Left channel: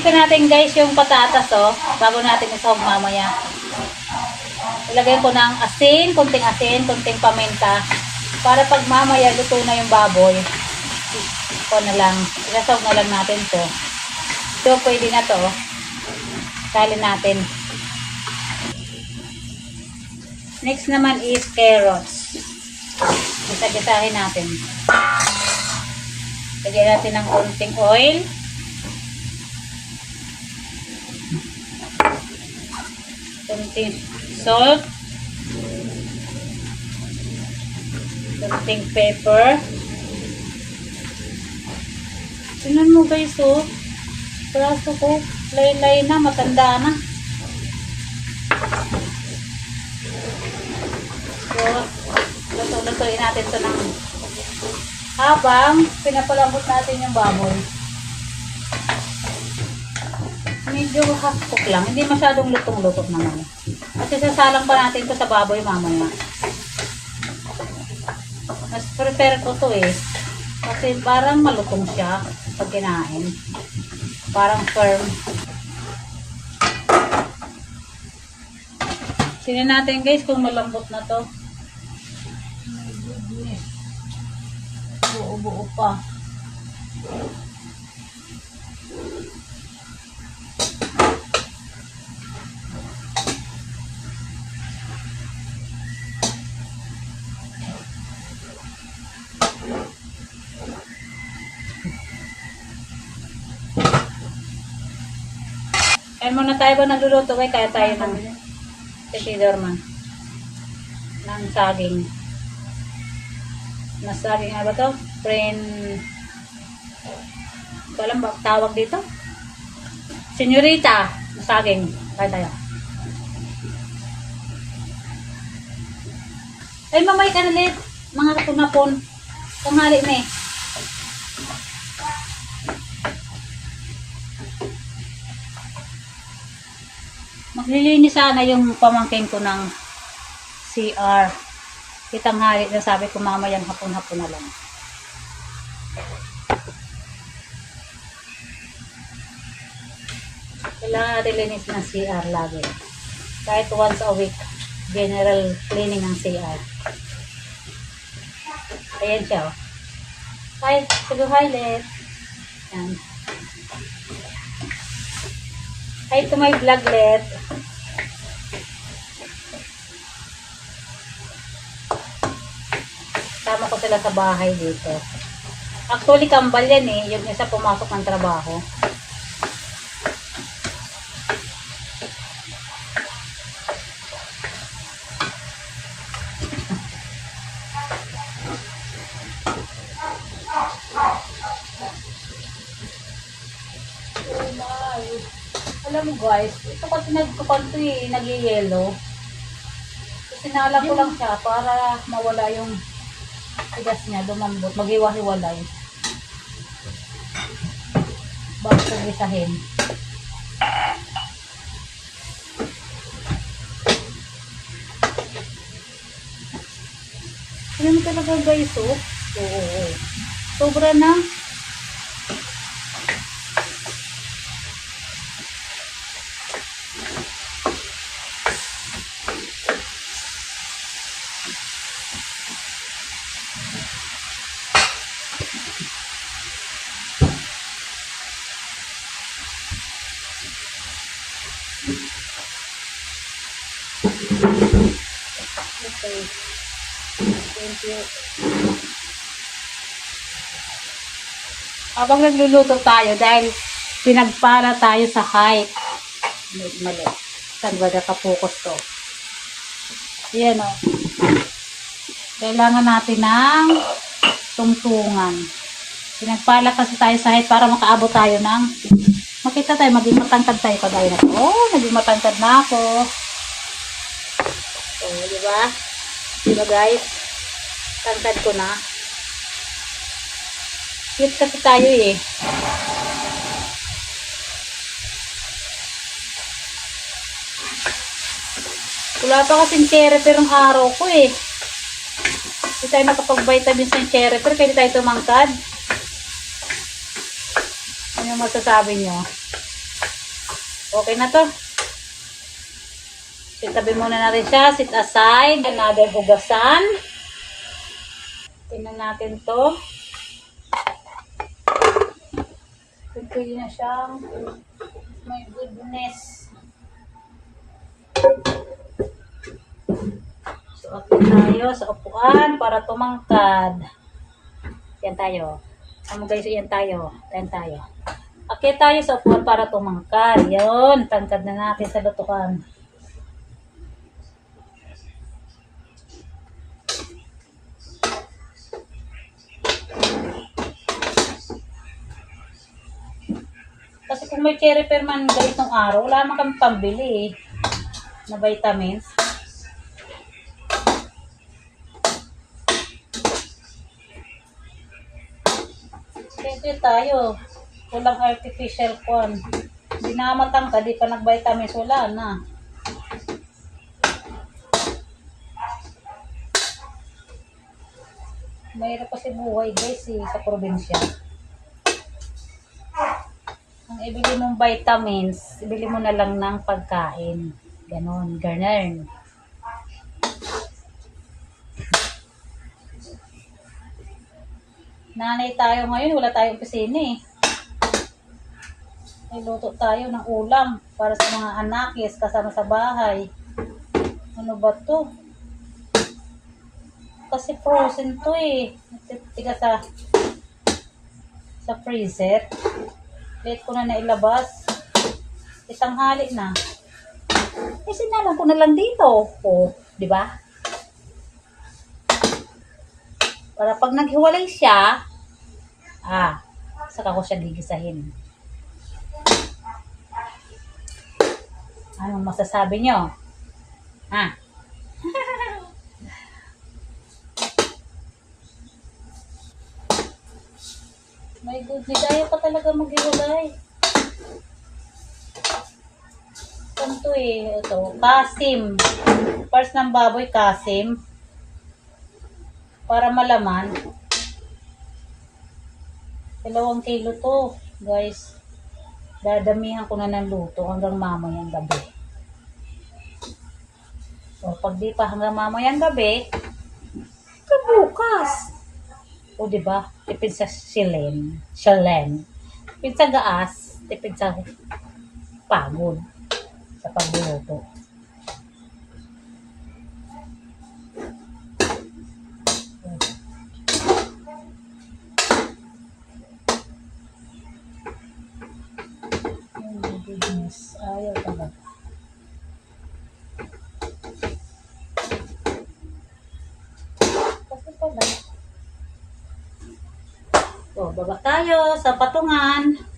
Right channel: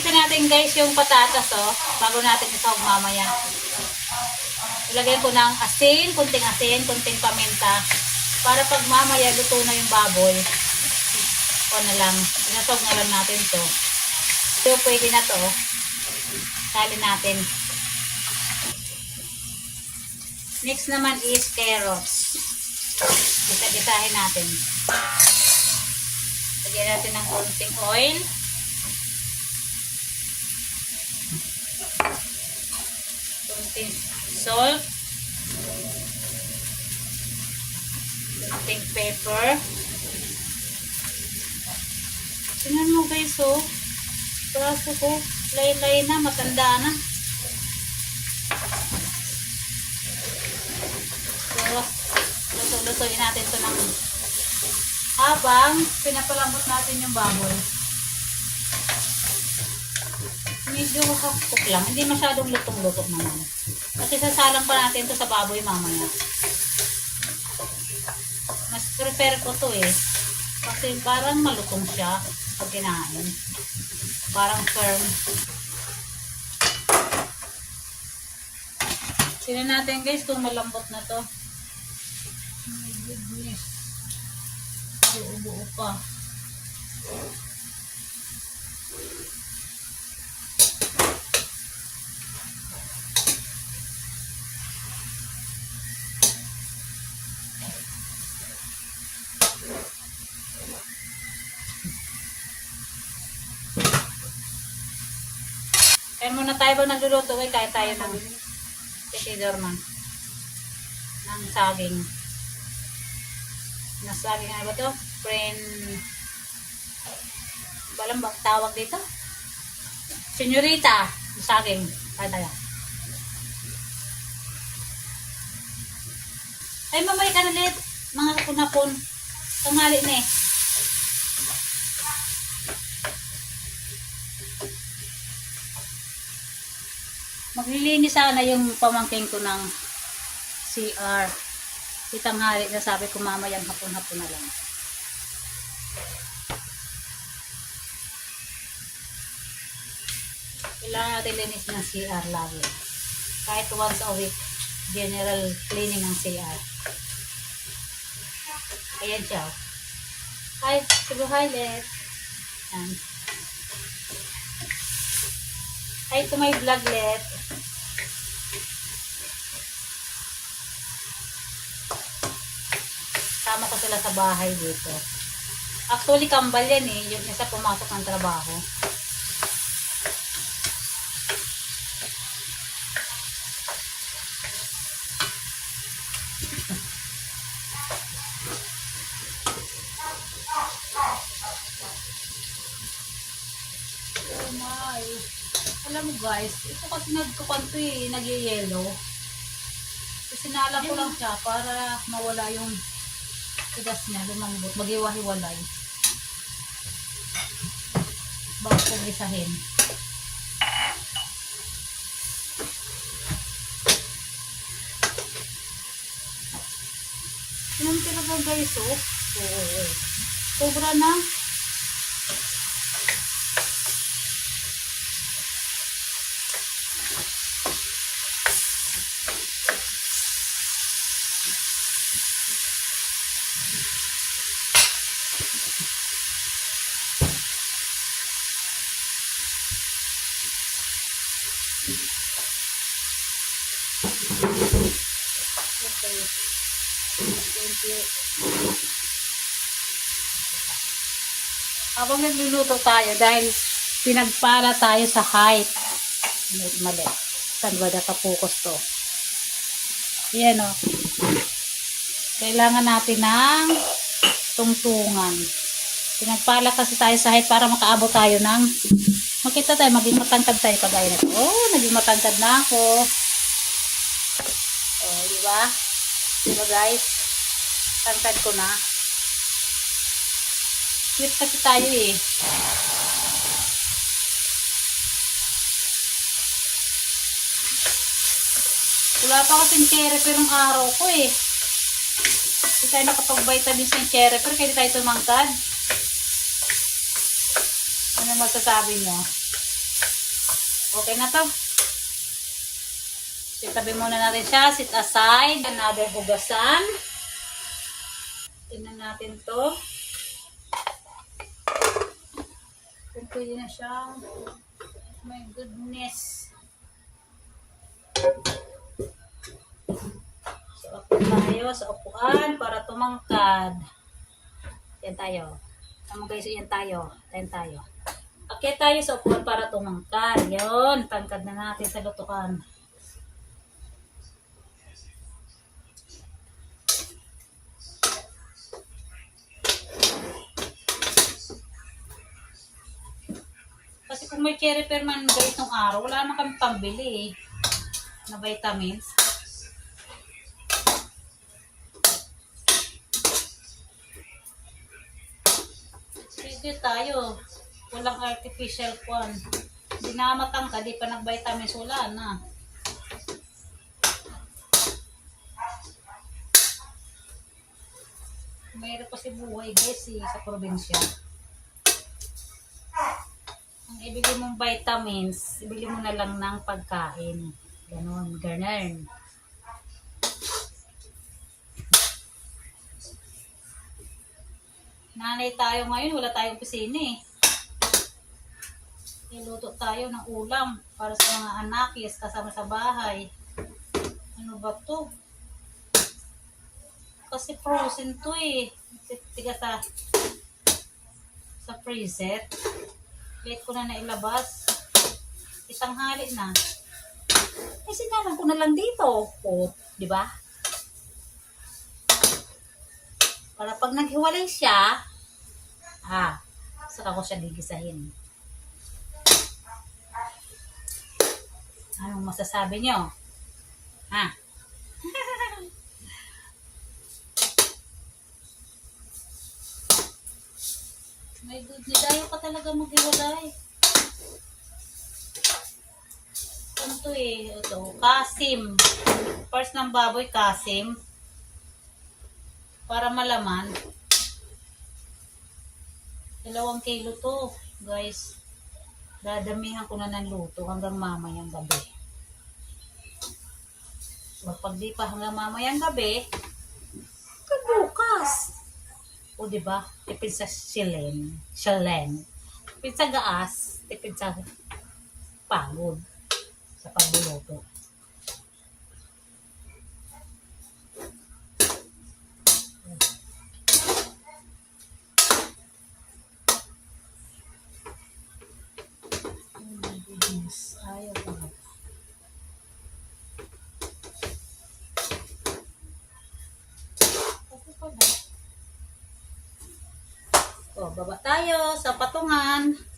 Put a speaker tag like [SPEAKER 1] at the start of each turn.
[SPEAKER 1] Ito natin guys yung patatas oh, bago natin isahog mamaya. Ilagay ko ng asin, kunting asin, kunting paminta. Para pag mamaya luto na yung baboy, ko na lang, isasahog na lang natin to. So pwede na to. Salin natin. Next naman is carrots. Isagisahin natin. Lagyan natin ng konting oil. Konting salt. Konting pepper. Tingnan mo guys oh. Praso ko. Lay-lay na. Matanda na. So, luto-lutoin natin ito ng habang pinapalambot natin yung baboy. Medyo half cook lang. Hindi masyadong lutong-lutok naman. Kasi sasalang pa natin ito sa baboy mamaya. Mas prepare ko to eh. Kasi parang malutong siya pag kinain. Parang firm. Sino natin guys kung malambot na to. My goodness. Buo-buo pa. Tayo ba nagluluto kay kaya tayo ng tequila man. Ng saging. Na saging ano ba to? Friend. Walang ba tawag dito? Senyorita. na Saging. Kaya tayo. Ay, mamay ka ulit. Mga kapunapon. Tanghali na eh. Maglilinis sana yung pamangkin ko ng CR. Kitang hari na sabi ko mamayang hapon-hapon na lang. Kailangan natin linis ng CR lagi. Kahit once a week, general cleaning ng CR. Ayan siya. oh. Hi, sige hi, Let. Yan. Hi to my vlog, Let. Tama ko sila sa bahay dito. Actually, kambal yan eh. Yung isa pumasok ng trabaho. Oh my. Alam mo guys, ito kasi nagkupan to eh, nag-yellow. Kasi nala ko lang siya para mawala yung tigas niya, dumambot, maghiwa-hiwalay. Bago ko gisahin. Alam mo talaga guys, oh. Oo. Sobra na. Habang nagluluto tayo dahil pinagpala tayo sa height. Mali. Saan ba nakapokus to? Yan o. Kailangan natin ng tungtungan. Pinagpala kasi tayo sa height para makaabot tayo ng makita tayo, maging matangkad tayo kagaya na. Oh, naging matangkad na ako. So, di ba? Di ba guys? Tangkad ko na. Cute kasi tayo eh. Wala pa kasing cherry pero ang araw ko eh. Hindi tayo nakapag-vitamins ng cherry pero kaya tayo tumangkad. Ano masasabi nyo? Okay na to. Itabi muna natin siya. Sit aside. Another hugasan. Tingnan natin to. Pwede na siyang my goodness. So, ako tayo sa upuan para tumangkad. Yan tayo. Ano guys, yan tayo. Yan tayo. Akyat tayo sa upuan para tumangkad. Yun, tangkad na natin sa lutukan. Kung may cherry per man ganitong araw, wala naman kami pambili eh, na vitamins. Siyempre tayo, walang artificial corn. Binamatang ka, di pa nag-vitamins, wala na. Mayroon kasi buhay guys eh, sa probinsya. Ibili mong vitamins, ibili mo na lang ng pagkain. Ganon, ganon. Nanay tayo ngayon, wala tayong opisina eh. Niluto tayo ng ulam para sa mga anakis kasama sa bahay. Ano ba to? Kasi frozen to eh. Tiga sa sa freezer. Late ko na nailabas. Itanghali na. Eh, sinalang ko na lang dito. O, di ba? Para pag naghiwalay siya, ah, saka ko siya gigisahin. Anong masasabi nyo? My goodness, ayaw pa talaga maghiwalay. Ito eh, ito, kasim. First ng baboy, kasim. Para malaman. Dalawang kilo to, guys. Dadamihan ko na ng luto hanggang mamayang gabi. So, pag di pa hanggang mamayang gabi, kabukas. O, di ba? Tipid sa silen. Silen. Tipid sa gaas. Tipid sa pagod. Sa pagluluto. Oh goodness. Ayaw talaga. Kasi pala. So, baba tayo sa patungan.